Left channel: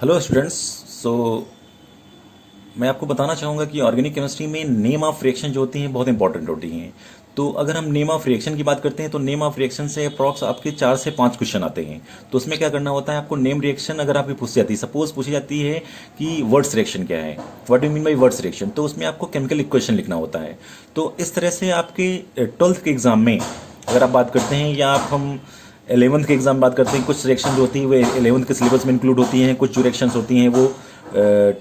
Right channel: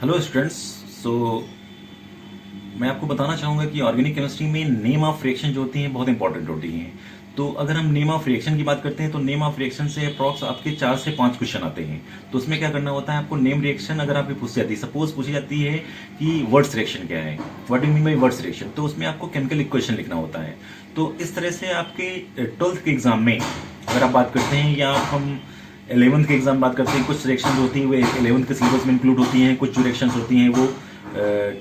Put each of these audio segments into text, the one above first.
Hello students. सो मैं आपको बताना चाहूँगा कि ऑर्गेनिक केमिस्ट्री में नेम ऑफ रिएक्शन जो होती हैं बहुत इंपॉर्टेंट होती हैं। तो अगर हम नेम ऑफ रिएक्शन की बात करते हैं तो नेम ऑफ रिएक्शन से अप्रॉक्स आपके 4 से 5 क्वेश्चन आते हैं। तो उसमें क्या करना होता है, आपको नेम रिएक्शन अगर आपकी पूछी जाती है, सपोज पूछी जाती है कि वर्ड्स रिएक्शन क्या है, what do mean by words reaction, तो उसमें आपको केमिकल इक्वेशन लिखना होता है। तो इस तरह से आपके 12th के एग्जाम में अगर आप बात करते हैं, या आप हम 11th के एग्जाम बात करते हैं, कुछ रिएक्शन जो होती है वो 11th के सिलेबस में इंक्लूड होती हैं, कुछ जो रिएक्शंस होती हैं वो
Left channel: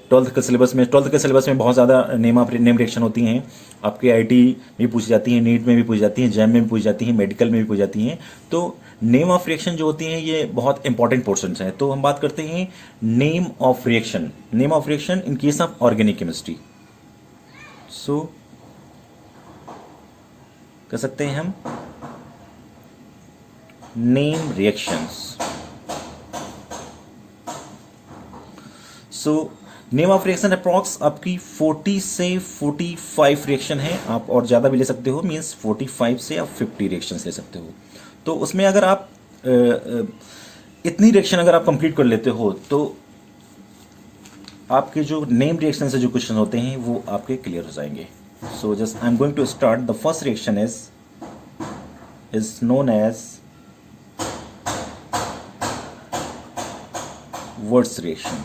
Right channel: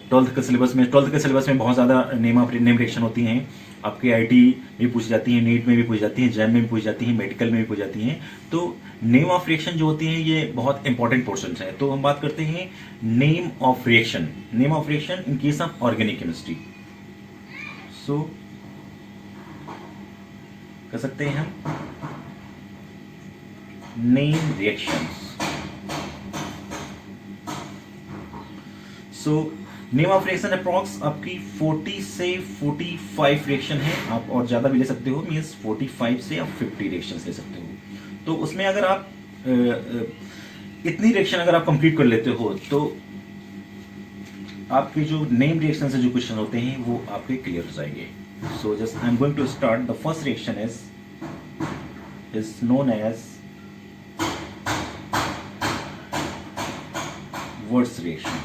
12th के सिलेबस में बहुत ज़्यादा नेम रिएक्शन होती हैं। आपके आईटी में पूछी जाती हैं, नीट में भी पूछी जाती हैं, जैम में भी पूछी जाती हैं, मेडिकल में भी पूछी जाती हैं। तो नेम ऑफ रिएक्शन जो होती हैं ये बहुत इंपॉर्टेंट पोर्शन हैं। तो हम बात करते हैं name of reaction. Name of reaction in case of organic chemistry. सो कर सकते हैं हम name reactions. So name of reaction approx आपकी 40 से 45 रिएक्शन है, आप और ज़्यादा भी ले सकते हो, मीन्स 45 से आप 50 रिएक्शंस ले सकते हो। तो उसमें अगर आप इतनी रिएक्शन अगर आप कंप्लीट कर लेते हो तो आपके जो नेम रिएक्शन से जो क्वेश्चन होते हैं वो आपके क्लियर हो जाएंगे। So just I am going to start. The first reaction is known as words reaction.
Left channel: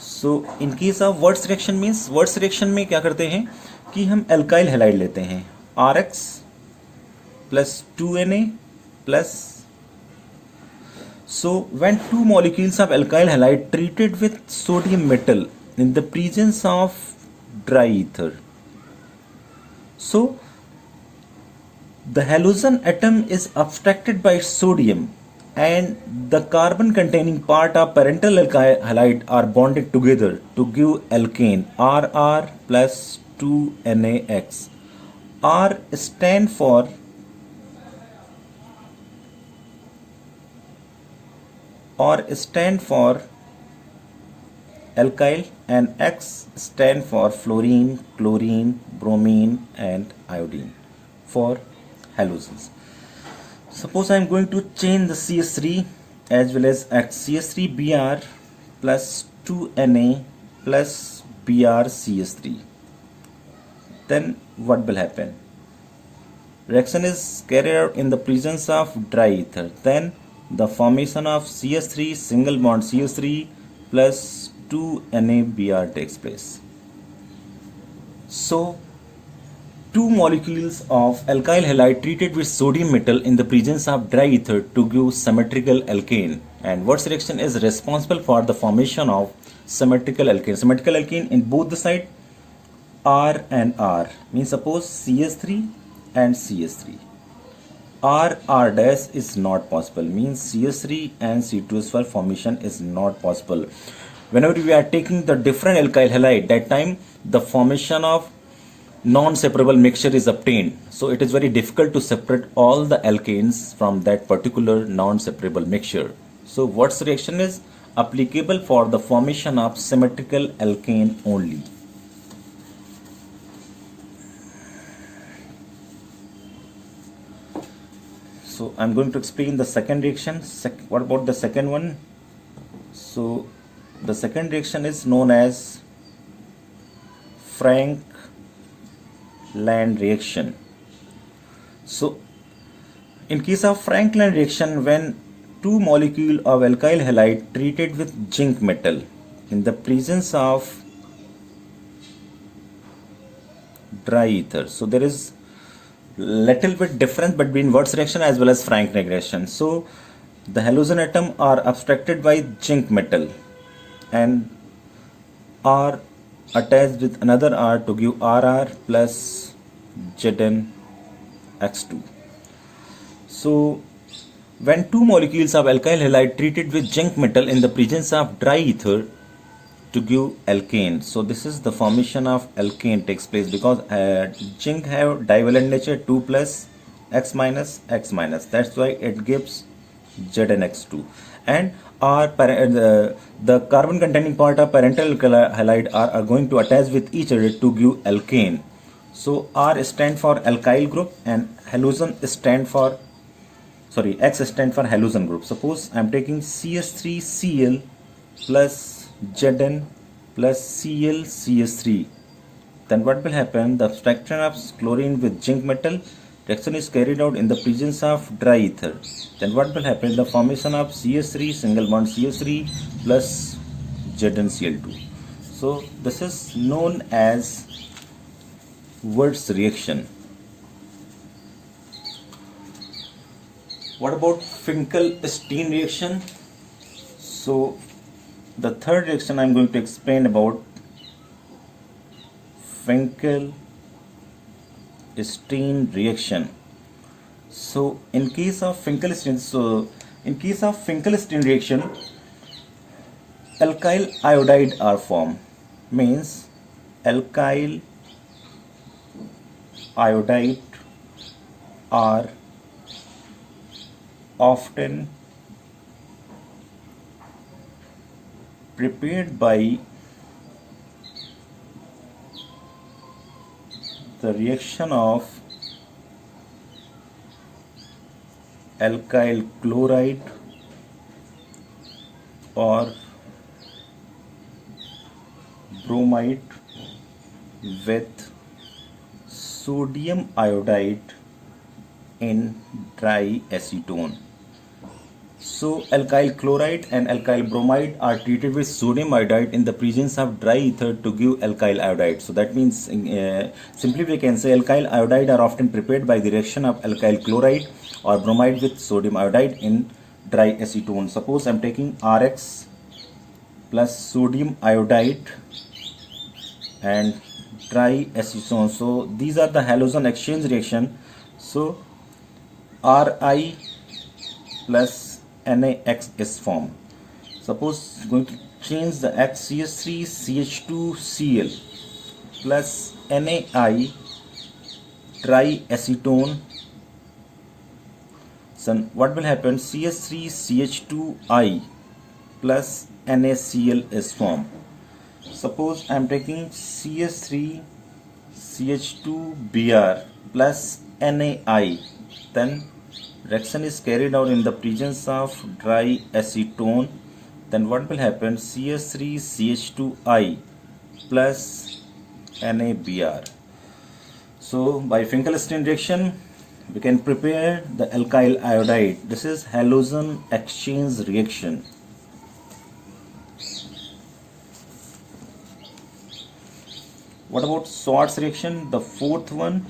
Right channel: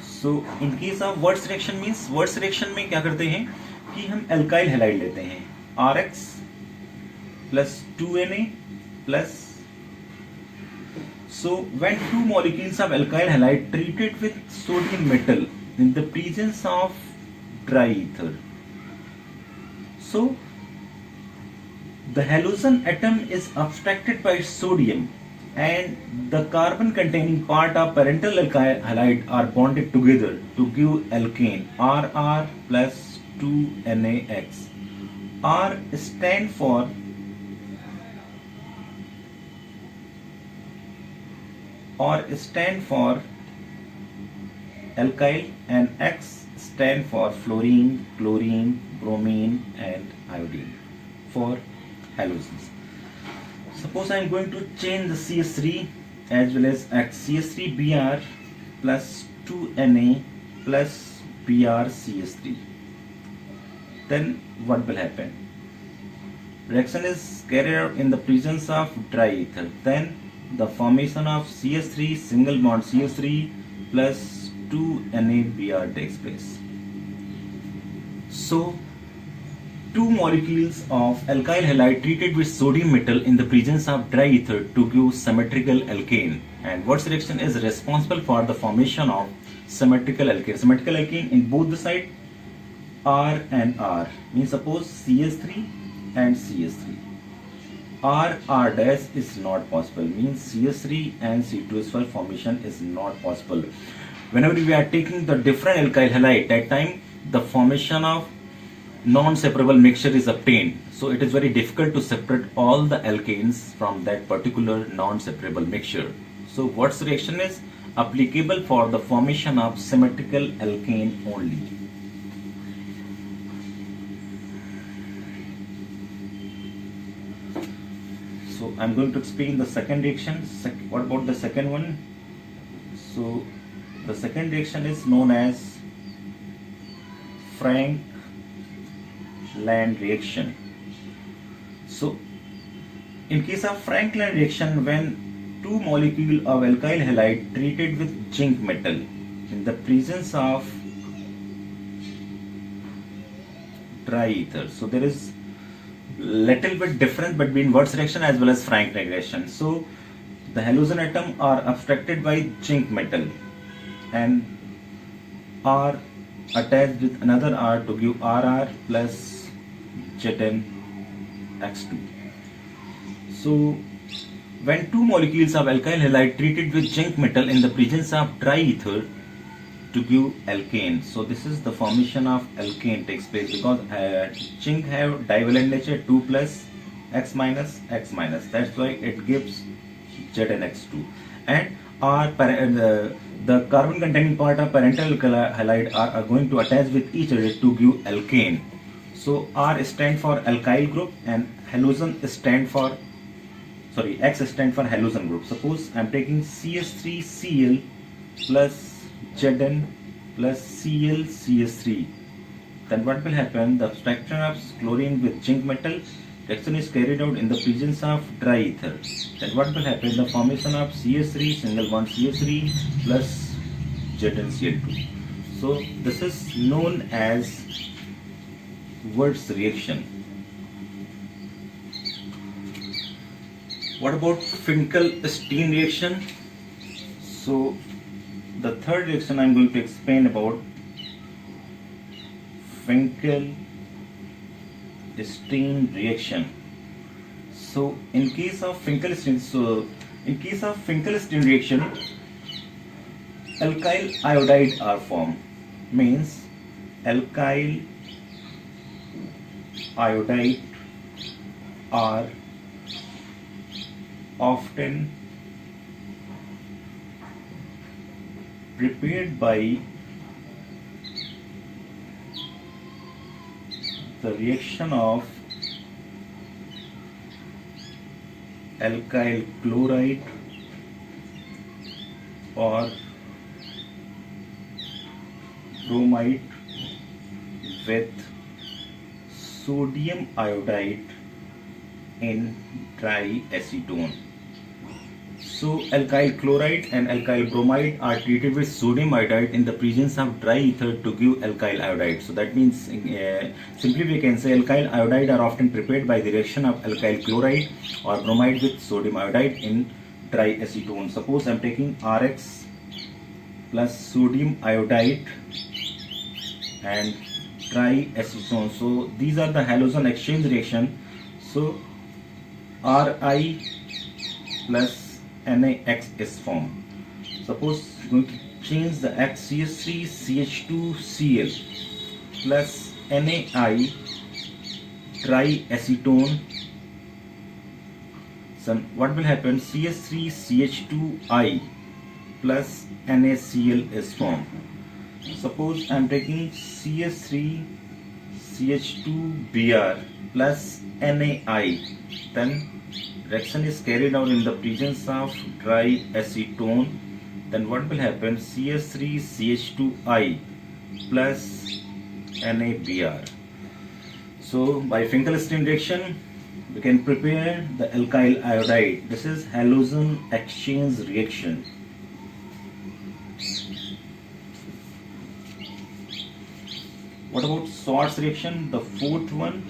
So in case of words reaction means, words reaction में क्या करते हैं कि हम एल्काइल हैलाइड लेते हैं, RX plus 2Na plus. So when two molecules of alkyl halide treated with sodium metal in the presence of dry ether, so the halogen atom is abstracted by sodium and the carbon containing part of parental alkyl halide are bonded together to give alkane RR plus 2NaX. R stand for alkyl and X stand for fluorine, chlorine, bromine and iodine for halogens. Suppose I am going to change the CH3 as well as X, CH3Br plus 2Na plus BrCH3. Then what will happen? Reaction is carried out in the presence of dry ether. Then the formation of CH3 single bond CH3 plus 2NaBr takes place. So two molecules of alkyl halide treated with sodium metal in the presence of dry ether to give symmetrical alkane, and Wurtz reaction is responsible for the formation of symmetrical alkane. Symmetrical alkane in both the side R and R, means suppose CH3 and CH3. R dash is not possible, means CH3 and C2S4 formation is not possible. Whenever we are taking the different alkyl halide, that time the formation of non-separable mixture is obtained. So it is very difficult to separate all the alkanes from that particular non-separable mixture. So Wurtz reaction is applicable for the formation of symmetrical alkane only. So I'm going to explain the second reaction. What about the second one? So the second reaction is known as Frank-Land reaction. So in case of Frank-Land reaction, when two molecules of alkyl halide treated with zinc metal in the presence of dry ether, so there is little bit difference between Wurtz reaction as well as Frank-Land reaction. So the halogen atom are abstracted by zinc metal and are attached with another R to give RR plus ZnX2. So when two molecules of alkyl halide treated with zinc metal in the presence of dry ether to give alkane, so this is the formation of alkane takes place because zinc have divalent nature 2 plus X minus X minus, that's why it gives ZnX2. And the carbon containing part of parental halide are going to attach with each other to give alkane. So R stand for alkyl group and halogen stand for, sorry, X stand for halogen group. Suppose I am taking CH3Cl plus Zn plus ClCH3. Then what will happen? The subtraction of chlorine with zinc metal reaction is carried out in the presence of dry ether. Then what will happen? The formation of CH3 single bond CH3 plus ZnCl2. So this is known as Wurtz reaction. What about Finkelstein reaction? So the third reaction I am going to explain about Finkelstein reaction. So in case of Finkelstein reaction, alkyl iodide are formed. Means alkyl iodide are often prepared by the reaction of alkyl chloride or bromide with sodium iodide in dry acetone. So alkyl chloride and alkyl bromide are treated with sodium iodide in the presence of dry ether to give alkyl iodide. So that means simply we can say alkyl iodide are often prepared by the reaction of alkyl chloride or bromide with sodium iodide in dry acetone. Suppose I am taking Rx plus sodium iodide and dry acetone. So these are the halogen exchange reaction. So Ri plus NaX is formed. Suppose going to change the X CH3 CH2Cl plus NaI triacetone. So what will happen? CH3 CH2I plus NaCl is formed. Suppose I am taking CH3 CH2Br plus NaI, then reaction is carried out in the presence of dry acetone. Then what will happen? CH3 CH2I plus NaBr. So by Finkelstein reaction we can prepare the alkyl iodide. This is halogen exchange reaction. What about Schwarz reaction? The fourth one,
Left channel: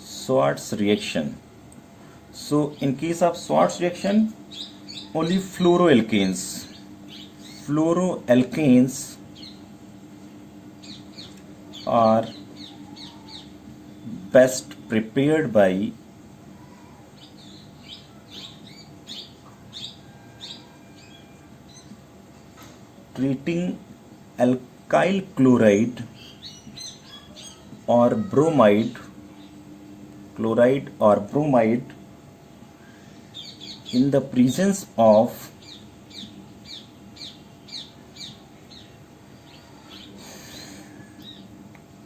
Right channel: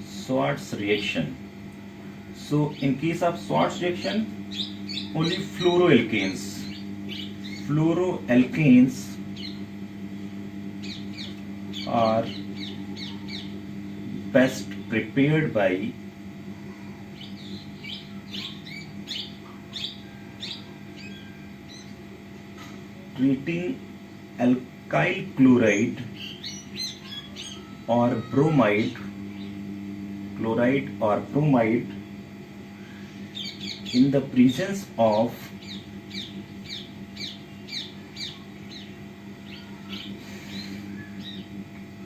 Schwarz reaction. So in case of Schwarz reaction, only fluoroalkanes are best prepared by treating alkyl chloride or bromide in the presence of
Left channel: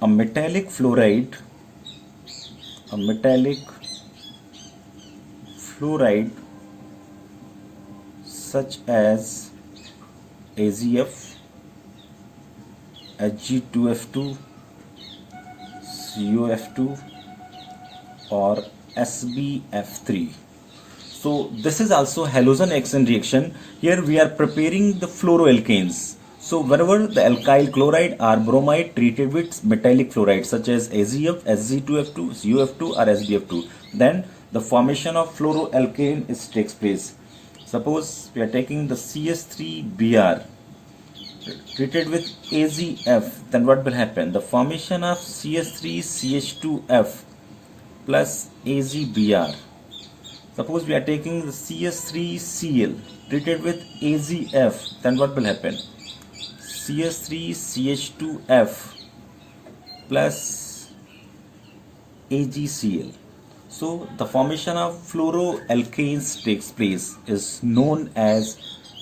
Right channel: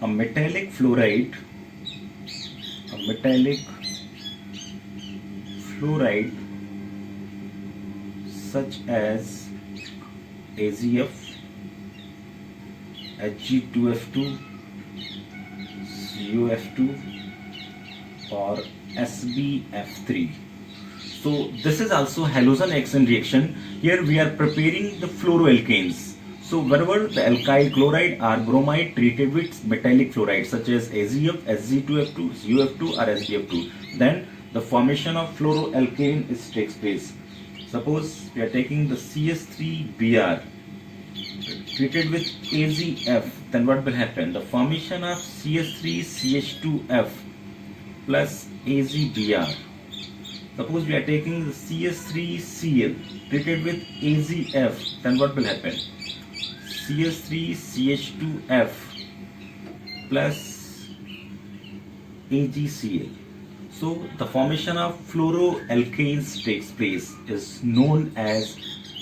a metallic fluoride such as AgF, Hg2F2, CuF2 or SbF3. So this is also halogen exchange reaction. Here we are preparing the fluoroalkanes. So whenever the alkyl chloride or bromide treated with metallic fluoride such as AgF, Hg2F2, CuF2 or SbF2, then the formation of fluoroalkane takes place. Suppose we are taking the CH3Br treated with AgF, then what will happen? The formation of CH3CH2F plus AgBr. Suppose we are taking the CH3Cl treated with AgF, then what will happen? CH3CH2F plus AgCl. So the formation of fluoroalkanes takes place is known as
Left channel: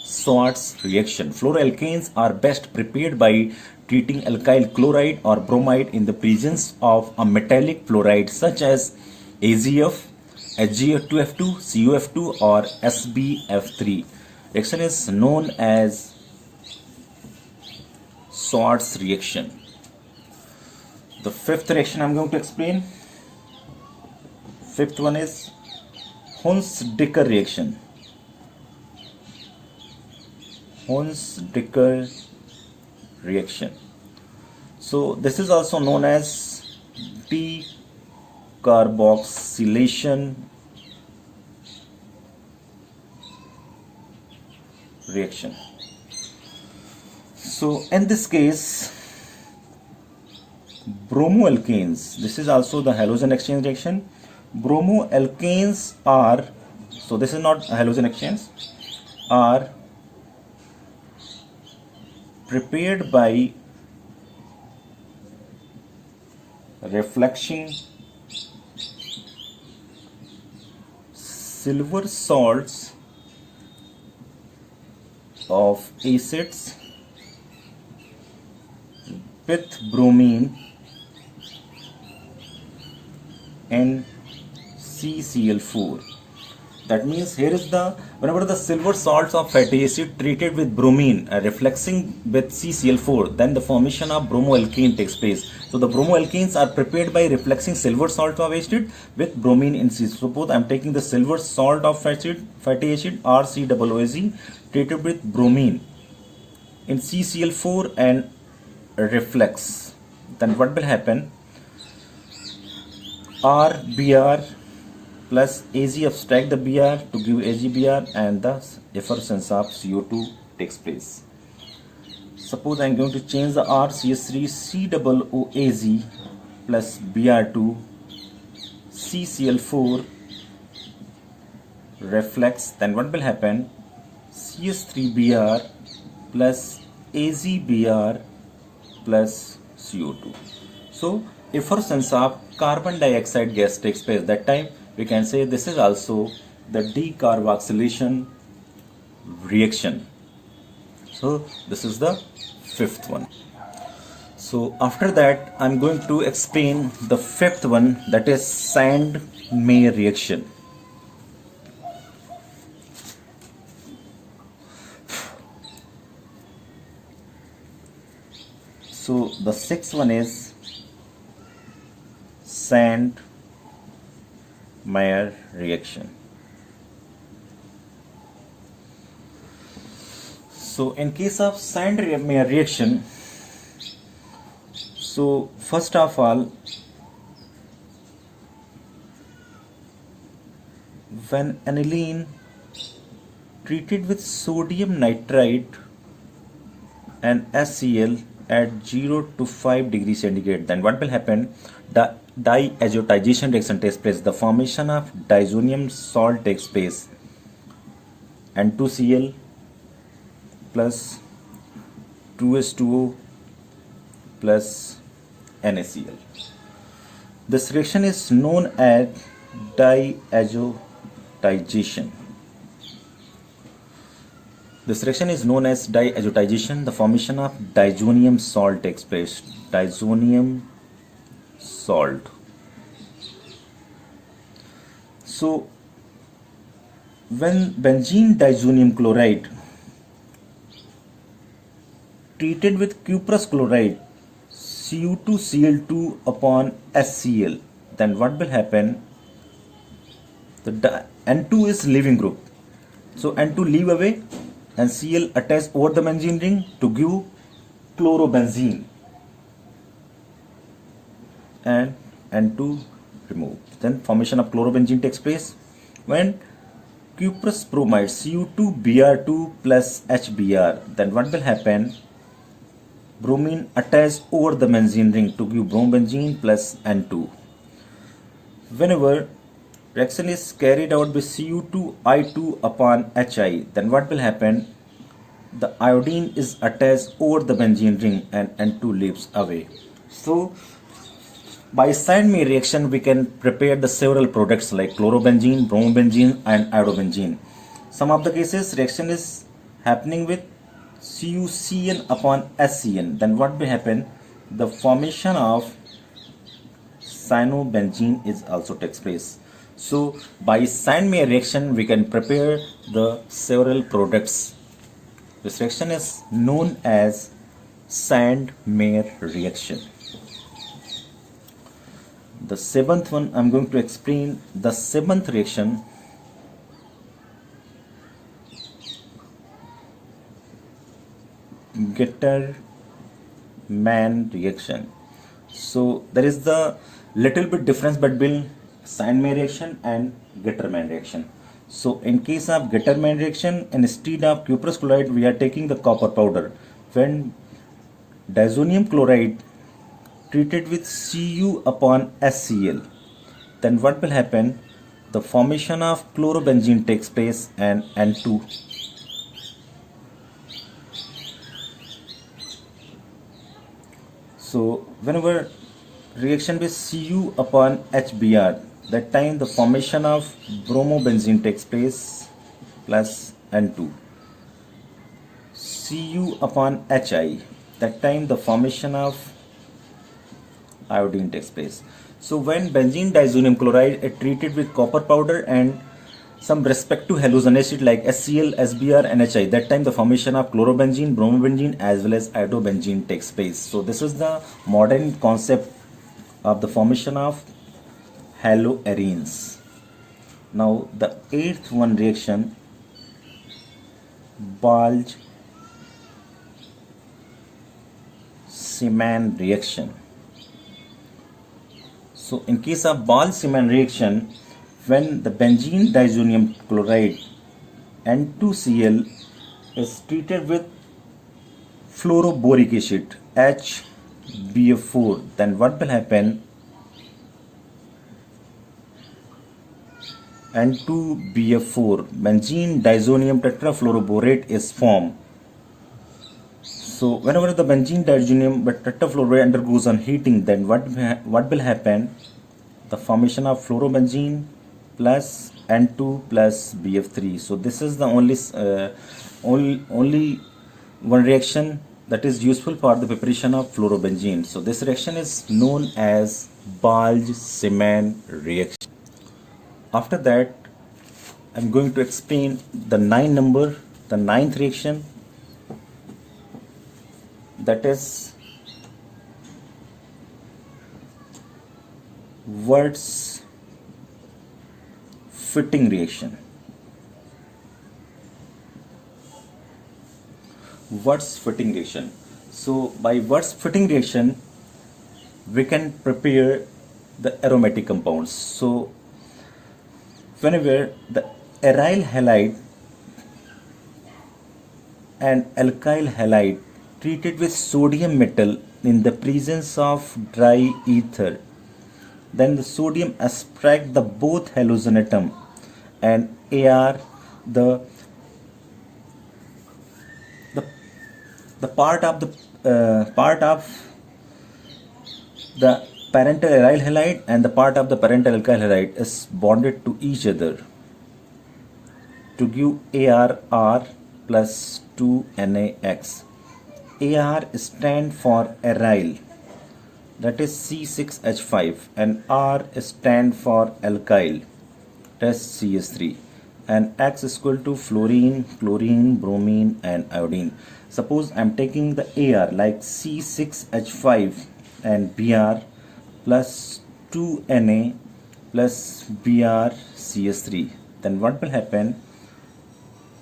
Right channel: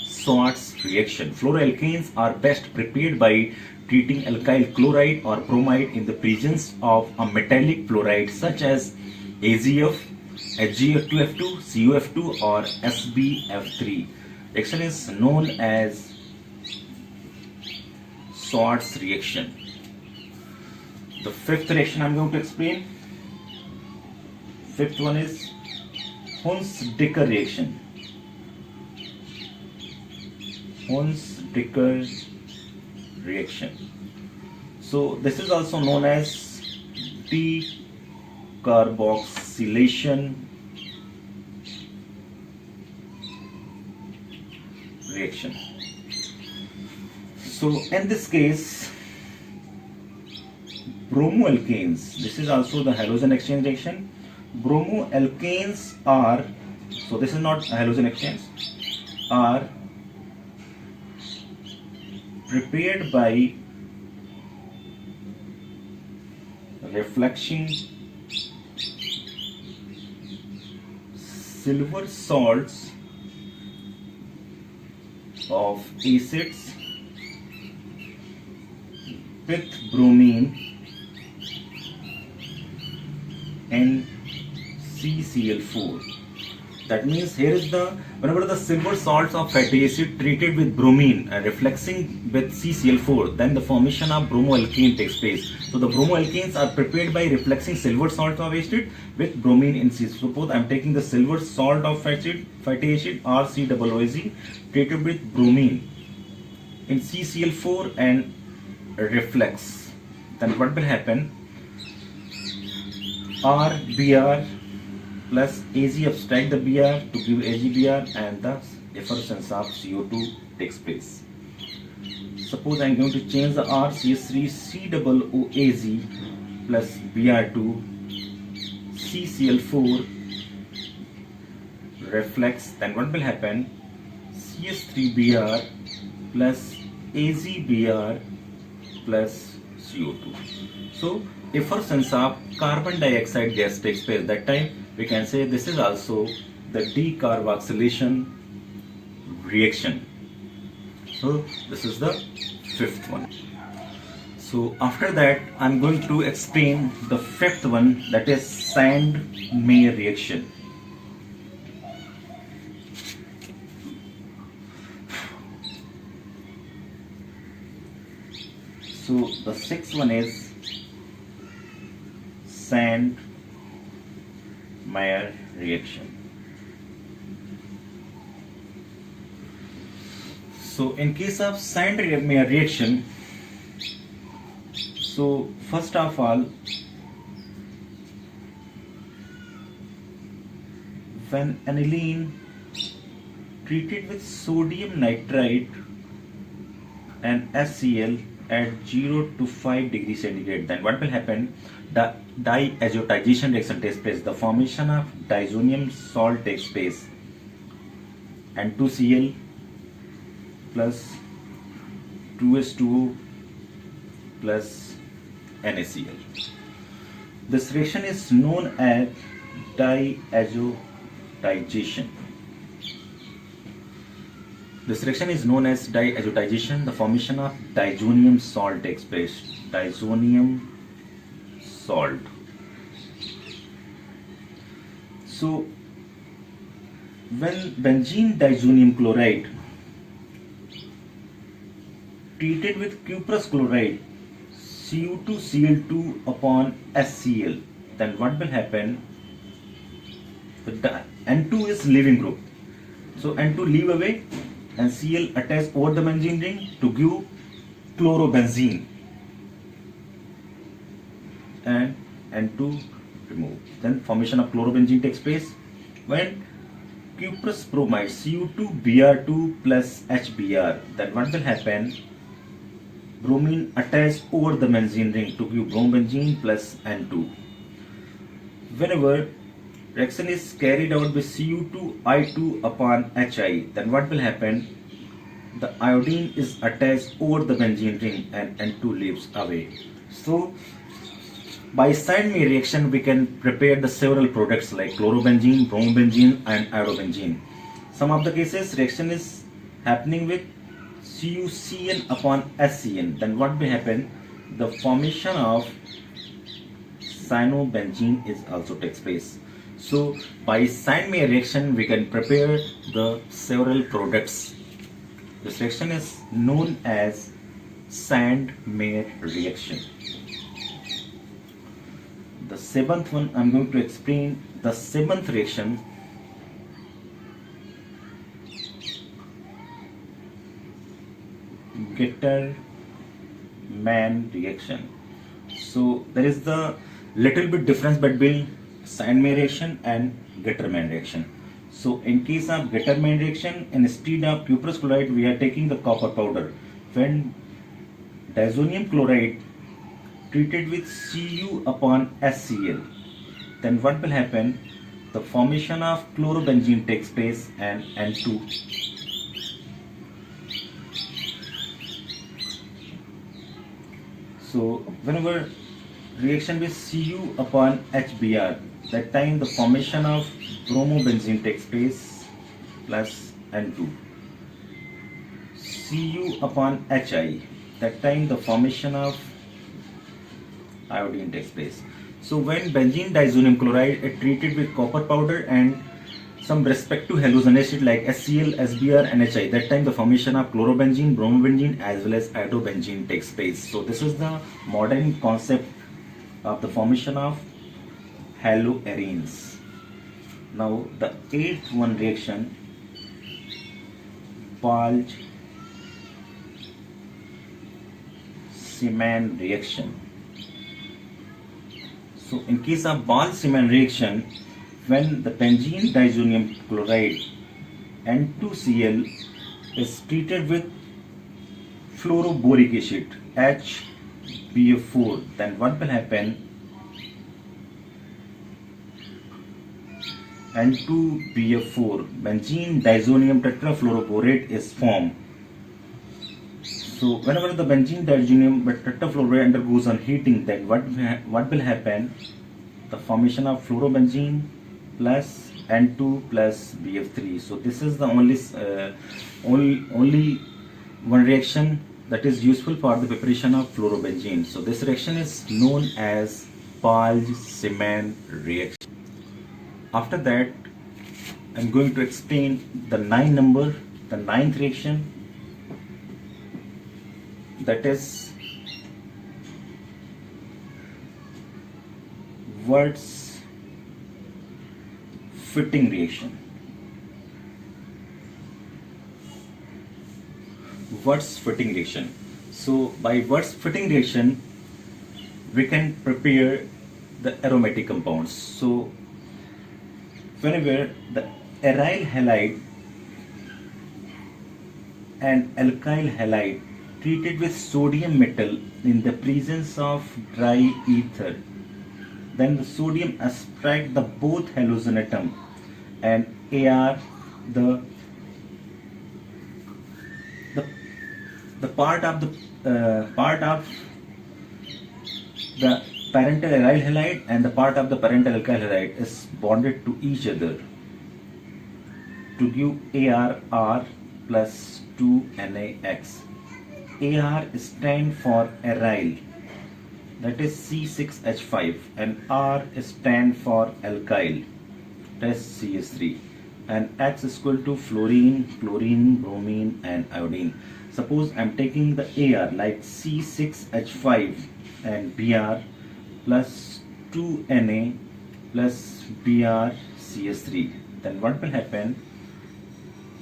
Schwarz reaction. Fluoroalkanes are best prepared by treating alkyl chloride or bromide in the presence of a metallic fluoride such as AgF, HgF2F2, CuF2 or SbF3. Reaction is known as Swartz reaction. The fifth reaction I'm going to explain. Fifth one is Hunsdicker reaction. Hunsdicker reaction. So this is also known as decarboxylation reaction. So in this case, bromoalkanes, this is also the halogen exchange reaction. Bromoalkanes are, so this is not halogen exchange, are prepared by reflecting silver salts of acids with bromine and CCl4. That means here is the, whenever the silver salts of fatty acid treated with bromine are reflexing with CCl4, then the formation of bromoalkane takes place. So the bromoalkanes are prepared by reflexing silver salt of acid with bromine in C. Suppose I am taking the silver salt of fatty acid RCOOZ treated with bromine in CCl4 and reflex. Then what will happen? RBr plus AG abstract the Br to give AgBr and the efflorescence of CO2 takes place. Suppose I am going to change the RCH3COOAZ plus Br2 CCl4 reflex, then what will happen? CH3Br plus AgBr plus CO2. So efflorescence of carbon dioxide gas takes place. That time we can say this is also the decarboxylation reaction. So this is the fifth one. So after that I'm going to explain the fifth one, that is Sand-Meyer reaction. So the sixth one is Sand-Meyer reaction. So in case of Sand-Meyer reaction, so first of all, when aniline treated with sodium nitrite and HCl at 0 to 5 degrees centigrade, then what will happen? The diazotization reaction takes place. The formation of diazonium salt takes place. N2Cl plus 2H2O plus NaCl. This reaction is known as diazotization. This reaction is known as diazotization. The formation of diazonium salt takes place. Diazonium salt. So when benzene diazonium chloride treated with cuprous chloride Cu2Cl2 upon HCl, then what will happen? The N2 is leaving group. So N2 leave away and Cl attach over the benzene ring to give chlorobenzene, and N2 remove. Then formation of chlorobenzene takes place when cuprous bromide Cu2Br2 plus HBr. Then what will happen? Bromine attached over the benzene ring to give bromobenzene plus N2. Whenever reaction is carried out with Cu2I2 upon Hi, then what will happen? The iodine is attached over the benzene ring and N2 leaves away. So by Sand-Meyer reaction we can prepare the several products like chlorobenzene, bromobenzene and iodobenzene. Some of the cases reaction is happening with CuCN upon HCN, then what will happen? The formation of cyanobenzene is also takes place. So by Sandmeyer reaction, we can prepare the several products. This reaction is known as Sandmeyer reaction. The seventh one, I'm going to explain the seventh reaction. Getterman reaction. So there is the little bit difference between Sandmeyer reaction and Getterman reaction. So in case of Getterman reaction, instead of cuprous chloride, we are taking the copper powder. When diazonium chloride treated with Cu upon HCl, then what will happen? The formation of chlorobenzene takes place and N2. So whenever reaction with Cu upon HBr, that time the formation of bromobenzene takes place plus N2. Cu upon Hi, that time the formation of iodine takes place. So when benzene diazonium chloride is treated with copper powder and some respective halogen acid like HCl, SBr and Hi, that time the formation of chlorobenzene, bromobenzene as well as iodobenzene takes place. So this is the modern concept of the formation of haloarenes. Now the eighth one reaction, Balch-Siemann reaction. So in case of Balch-Siemann reaction, when the benzene diazonium chloride N2Cl is treated with fluoroboric acid HBF4, then what will happen? N2BF4, benzene diazonium tetrafluoroborate is formed. So whenever the benzene diazonium tetrafluoride undergoes on heating, then what will happen? The formation of fluorobenzene plus N2 plus BF3. So this is the only one reaction that is useful for the preparation of fluorobenzene. So this reaction is known as Balch-Siemann reaction. After that, I'm going to explain the ninth reaction, that is Wurtz-Fitting reaction. Wurtz-Fitting reaction. So by Wurtz-Fitting reaction, we can prepare the aromatic compounds. So whenever the aryl halide and alkyl halide treated with sodium metal in the presence of dry ether, then the sodium abstract the both halogen atom and Ar the part of the parental aryl halide and the part of the parental alkyl halide is bonded to each other to give ArR plus 2NaX. AR stand for aryl, that is C6H5, and R stand for alkyl, that is CS3, and X is equal to fluorine, chlorine, bromine and iodine. Suppose I am taking the AR like C6H5 and Br plus 2Na plus BrCS3, then what will happen?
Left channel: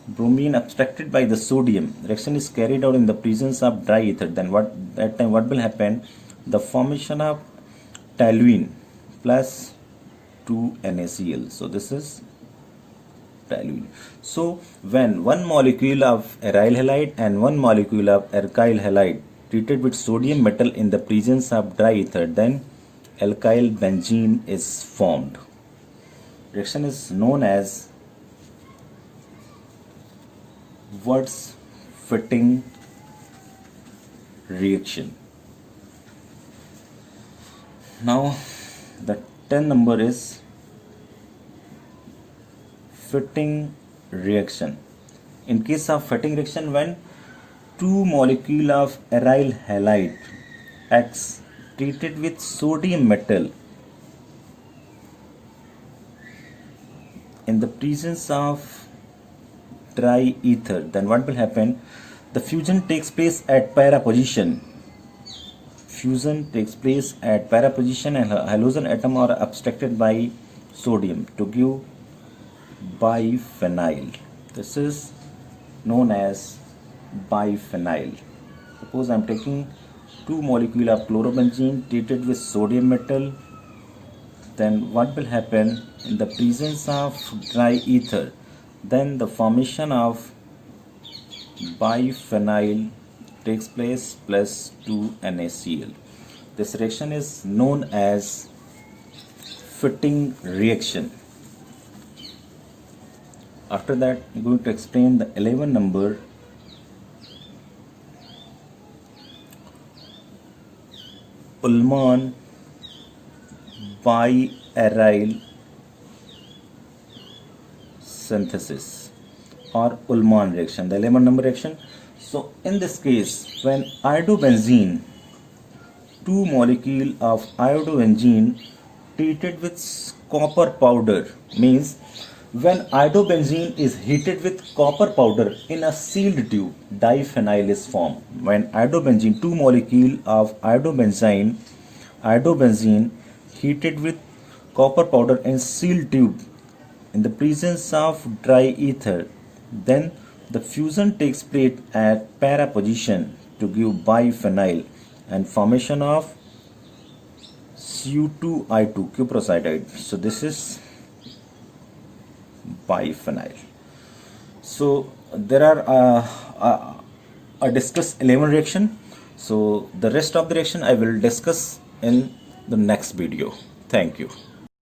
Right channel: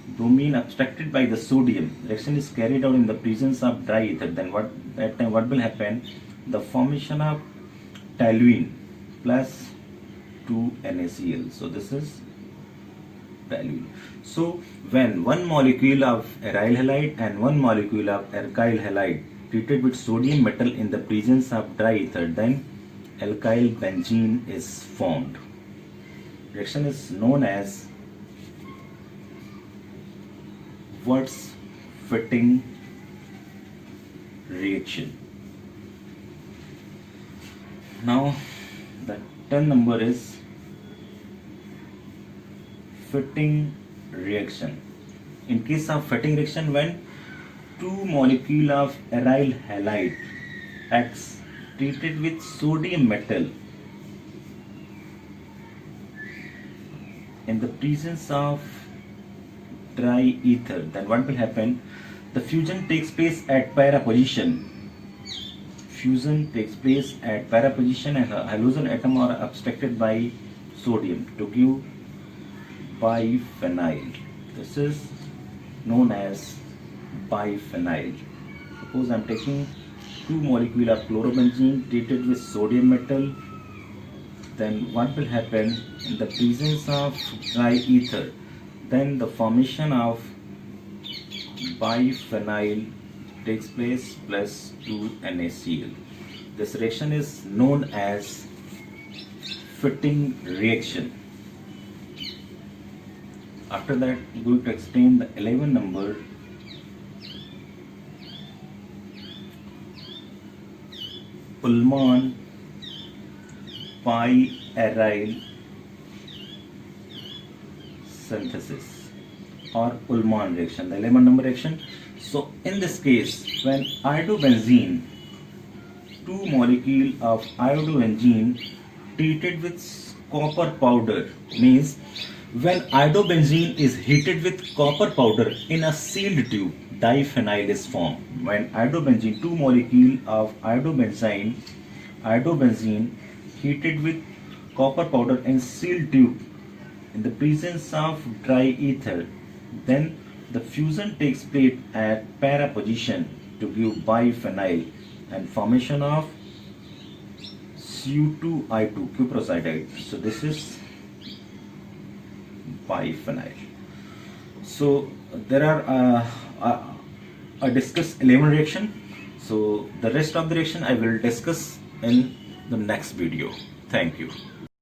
Bromine abstracted by the sodium, reaction is carried out in the presence of dry ether, then what will happen? The formation of toluene plus 2NaCl. So this is toluene. So when one molecule of aryl halide and one molecule of alkyl halide treated with sodium metal in the presence of dry ether, then alkyl benzene is formed. Reaction is known as Wurtz-Fitting reaction. Now the 10th number is Fitting reaction. In case of Fitting reaction, when two molecule of aryl halide X treated with sodium metal in the presence of dry ether, then what will happen? The fusion takes place at para position. Fusion takes place at para position and halogen atom are abstracted by sodium to give biphenyl. This is known as biphenyl. Suppose I am taking two molecules of chlorobenzene treated with sodium metal, then what will happen in the presence of dry ether? Then the formation of biphenyl takes place plus 2NaCl. This reaction is known as fitting reaction. After that, I'm going to explain the 11 number Ullmann biaryl synthesis or Ullmann reaction, the 11 number reaction. So in this case, when iodobenzene, two molecule of iodobenzene treated with copper powder, means when iodobenzene is heated with copper powder in a sealed tube, diphenyl is formed. When iodobenzene, two molecule of iodobenzene heated with copper powder in sealed tube in the presence of dry ether, then the fusion takes place at para position to give biphenyl and formation of Cu2I2 cuproside. So this is biphenyl. So there are I discuss 11 reaction. So the rest of the reaction I will discuss in the next video. Thank you.